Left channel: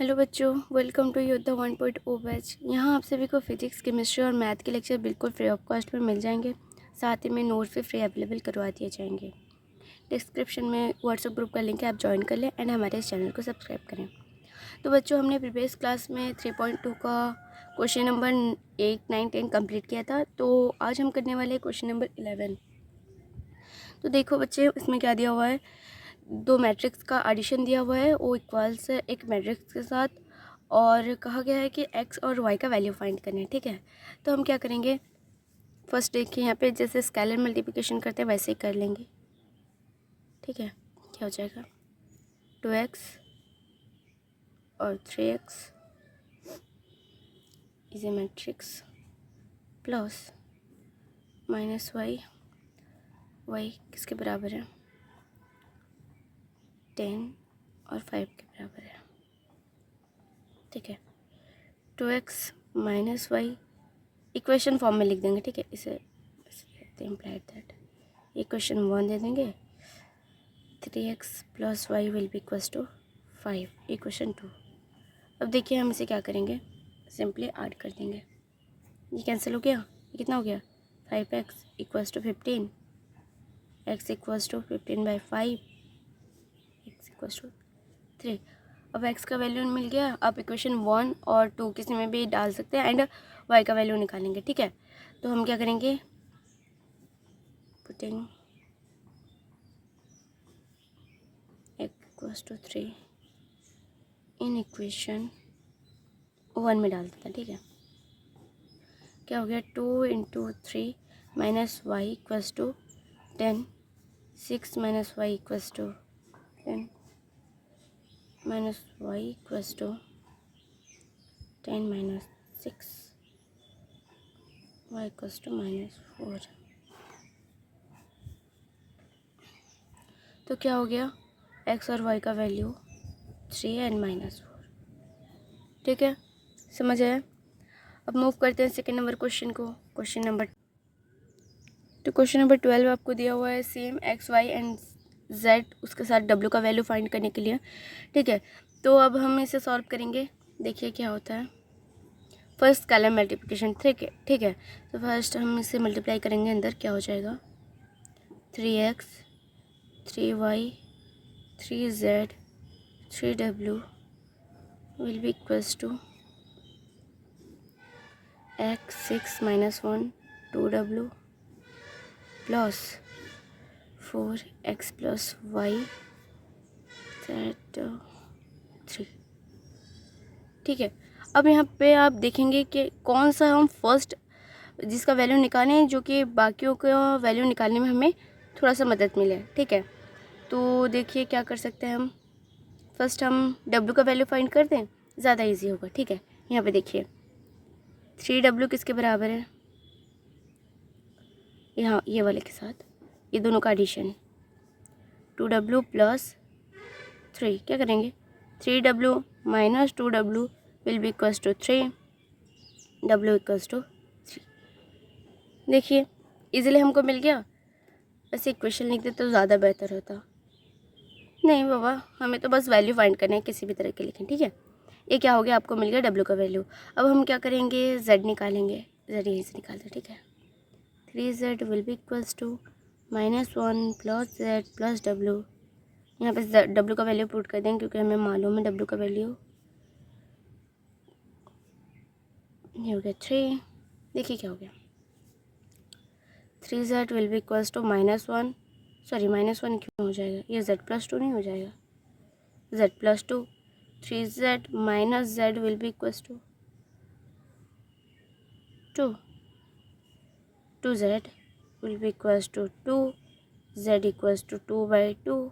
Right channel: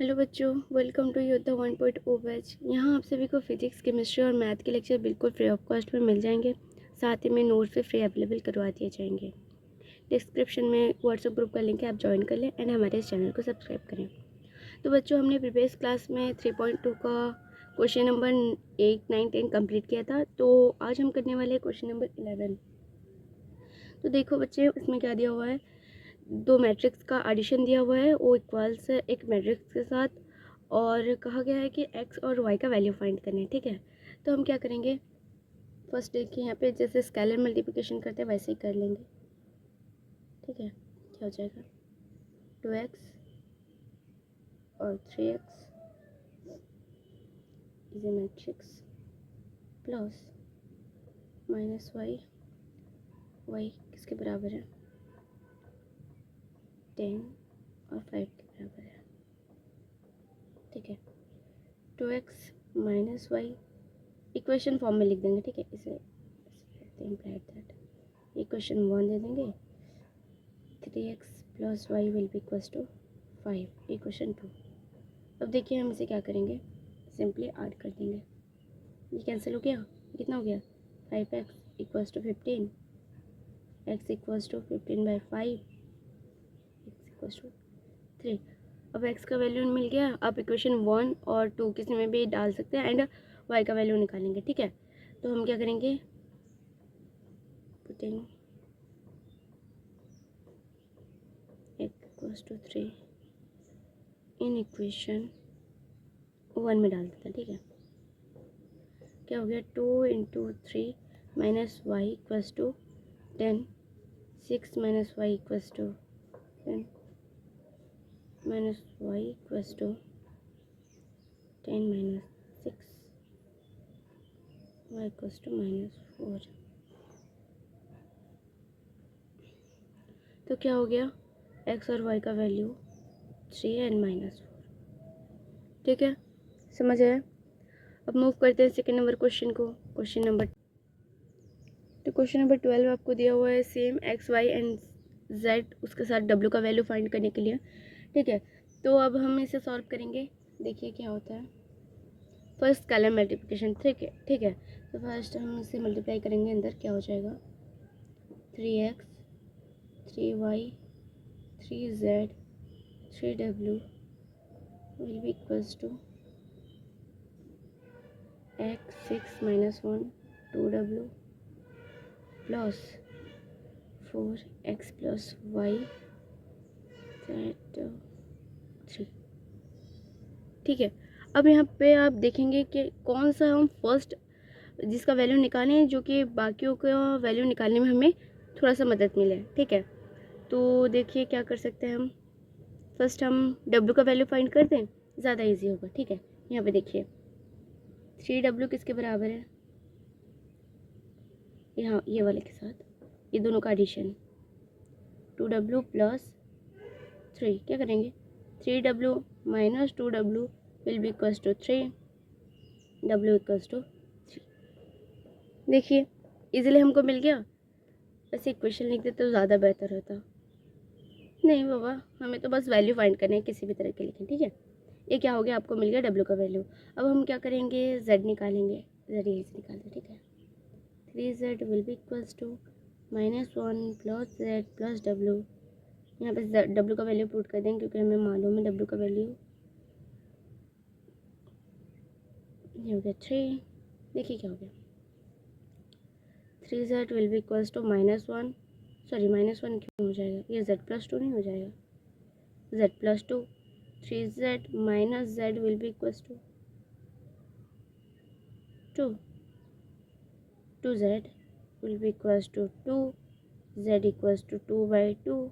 Hello बच्चों, welcome to योद्धा 1.0 batch. यहाँ आप सभी को फिजिक्स, केमिस्ट्री और मैथ के लेक्चर बिल्कुल फ्री ऑफ कॉस्ट में मिल जाएंगे। साथ ही में नोट्स भी फ्री अवेलेबल करवा दिए जाएंगे। डिस्क्रिप्शन में व्हाट्सएप ग्रुप का लिंक है, आप ज्वाइन कर लें एंड हमारे इस चैनल को सब्सक्राइब करें। तो बच्चों, हमने प्रीवियस क्लास में 3.2 का क्वेश्चन नंबर 8, 9, 10 कम्प्लीट किया था। तो आज हम करने वाले हैं क्वेश्चन नंबर 11। तो देखो बच्चे, इसमें क्या दिया हुआ है, दो मैट्रिक्स का एडिशन दिया हुआ है, ओ इक्वल्स एक मैट्रिक्स के साथ, और कहा गया है कि एक्स और वाई का वैल्यू फाइंड करना है। ठीक है, तो हम क्या करेंगे, फर्स्ट देखिए यहाँ पे जैसे स्केलर मल्टीप्लिकेशन करते हैं वैसे ही कर लेंगे। ठीक है, क्या हो जाएगा, 2x और 3x is a matrix plus minus y, y किसके बराबर है, 10 और 5 के बराबर है। ठीक है, 2x minus Y equation form में लिख देंगे। ठीक है, इसे इम्प्लाइड दैट इक्वेशन 1 दे देंगे, 3x plus y will be equals to 5, equation 2। अब देखिए हम इसे क्या करेंगे, सिंपली ऐड कर देंगे। ये कैंसिल हो गया, ये कितना हो गया, 5x equals to 15, x equals to 15/5, x equals to 3। अब x का वैल्यू मिल गया। आप इक्वेशन 1 और 2 किसी में भी डाल सकते हैं एंड y का वैल्यू निकालेंगे। ठीक है, तो हम क्या करेंगे, putting x equals to 3 in equation 1 में डाल देते हैं। ठीक है, क्या हो गया, 2 into 3 minus y equals to 10, 6 minus y equals to 10, minus y equals to 10 minus 6, y equals to -4। तो क्या हो गया, एक्स और वाई का वैल्यू 3 एंड -4। ठीक है, समझ आया। अब मूव करते हैं सेकेंड नंबर क्वेश्चन को, क्वेश्चन नंबर 12 आपको दिया हुआ है, same x y and z, उसके साथ डब्ल्यू का वैल्यू फाइंड करने के लिए। ठीक है, तो अब हम इसे सॉल्व करेंगे। देखिए क्या होता है, फर्स्ट स्केलर मल्टीप्लिकेशन। ठीक है, तो फर्स्ट हम इसे मल्टीप्लाई करेंगे, अंदर क्या हो जाएगा, 3x 3y 3z 3w will be equals to x 6 - 1 2w plus 4x plus y z 3। ठीक है, अब यहाँ पे आप देखेंगे कि कौन सा हम फर्स्ट जिसका वैल्यू निकालें जो कि बाकियों का वैल्यू निकालने में हमें थोड़ा सा मदद मिले। ठीक है, तो देखिए क्या कर सकते हैं हम, फर्स्ट हम W का वैल्यू फाइंड कर दें, ज़्यादा इजी होगा। ठीक है, यहाँ पे देखिए 3W किसके बराबर है, यहाँ ये वाले के साथ ये दोनों का एडिशन, 2W प्लस 3, क्या करेंगे, 3W minus 2W will be equals to 3, W equals to 3। देखिए इजीली हमको मिल गया। ऐसे इक्वेशन लिख दे तो ज़्यादा बेहतर होता। नहीं बाबा, हमें तो बस वैल्यू फाइंड करना है, किसी भी तरह के लिखें। ठीक है, ये क्या हो गया, आपको मिल गया डब्ल्यू का वैल्यू। अब हम क्या करेंगे, जेड निकालेंगे, जेड यहीं से निकाल दो। ठीक है, 3z will be equals to -1 plus z plus डब्ल्यू। यहाँ पे डब्ल्यू का वैल्यू पुट कर देंगे क्योंकि हमें मालूम है डब्ल्यू का वैल्यू, ये हो गया 3। देखिए क्या हो गया, 3z will be equals to -1, sorry -1 क्यों हो जाएगा, ये z+2 नहीं हो जाएगा, z+2, 3z minus z will be equals to 2, 2z will be equals to 2, z equals to 2/2,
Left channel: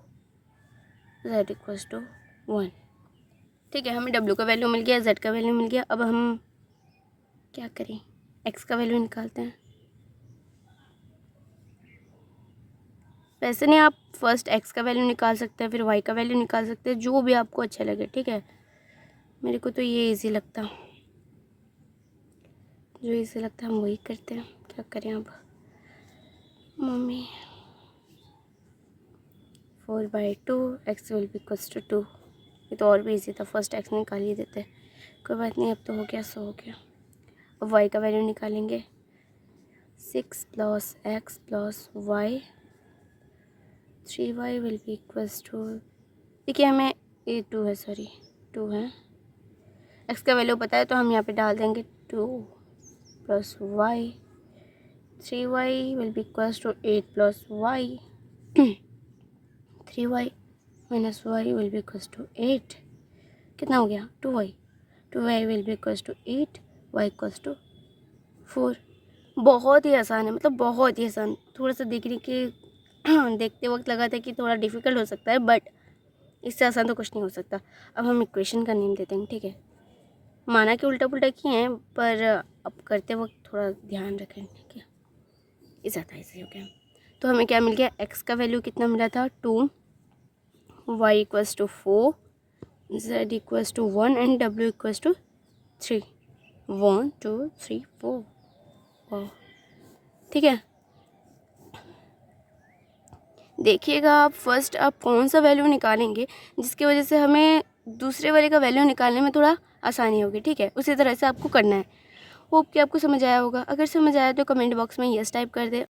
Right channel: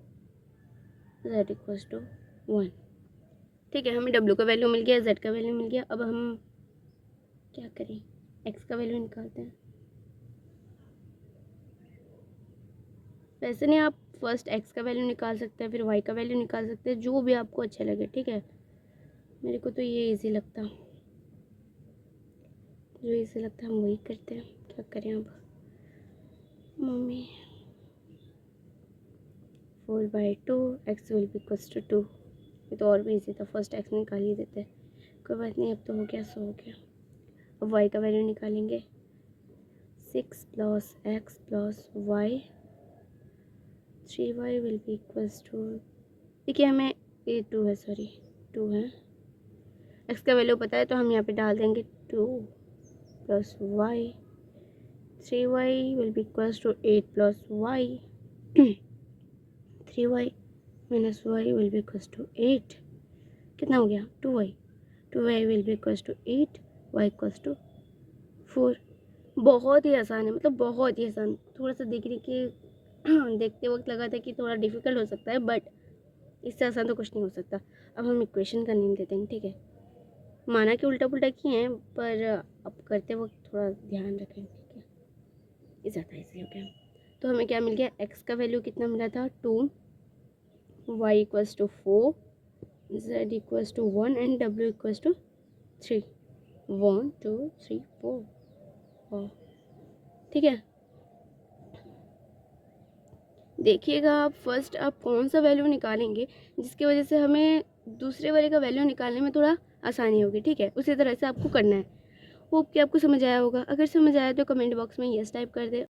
z equals to 1। ठीक है, हमें w का वैल्यू मिल गया, z का वैल्यू मिल गया। अब हम क्या करें, x का वैल्यू निकालते हैं। वैसे नहीं, आप फर्स्ट x का वैल्यू निकाल सकते हैं, फिर y का वैल्यू निकाल सकते हैं, जो भी आपको अच्छा लगे। ठीक है, मेरे को तो ये इजी लगता, जो इजी लगता है हम वही करते हैं, क्या करें अब mummy. 4/2 x will be equals to 2, ये तो और भी ईजी था, फर्स्ट एक्स निकाल ही देते। कोई बात नहीं, अब तो हो गया सो हो गया। अब वाई का वैल्यू निकालेंगे। 6 + x + y, 3y will be equals to, देखिए हमें ये 2 है, सॉरी 2 है। x का वैल्यू पता है तो हम यहाँ पे डाल देंगे 2 + y, 3y will be equals to 8 + y, 3y - y will be equals to 8। कितना हो गया? 2y। 2y will be equals to 8, y equals to 4। बहुत ही आसान है, मतलब बहुत ही आसान। थोड़ा सा देखने के देखते वक्त लगा था कि थोड़ा डिफ़िकल्ट हो सकता है, बट इससे आसान तो कुछ नहीं हो सकता। अब हम इक्वेशन का नेम देते हैं, ठीक है। माना कि उल्टा पुल्टा किए हैं, पर अब करते वक्त थोड़ा ध्यान रखें, ठीक है। ये ज़्यादा ईजी हो गया। तो हमें क्या मिल गया? x का वैल्यू कितना मिला था? 2, y equals to 4, z equals to 1 and w equals to 3। 1 2 3 4। ठीक है, देखिएगा आप फर्स्ट आप कौन सा वैल्यू निकालेंगे जिसकी वजह से हमें दूसरे वाले का वैल्यू निकालने में थोड़ा आसानी होगी, ठीक है। उसी तरह से आपको करना है। होप कि आपको समझ आया होगा। अगर समझ आया तो कमेंट बॉक्स में यस टाइप कर दे।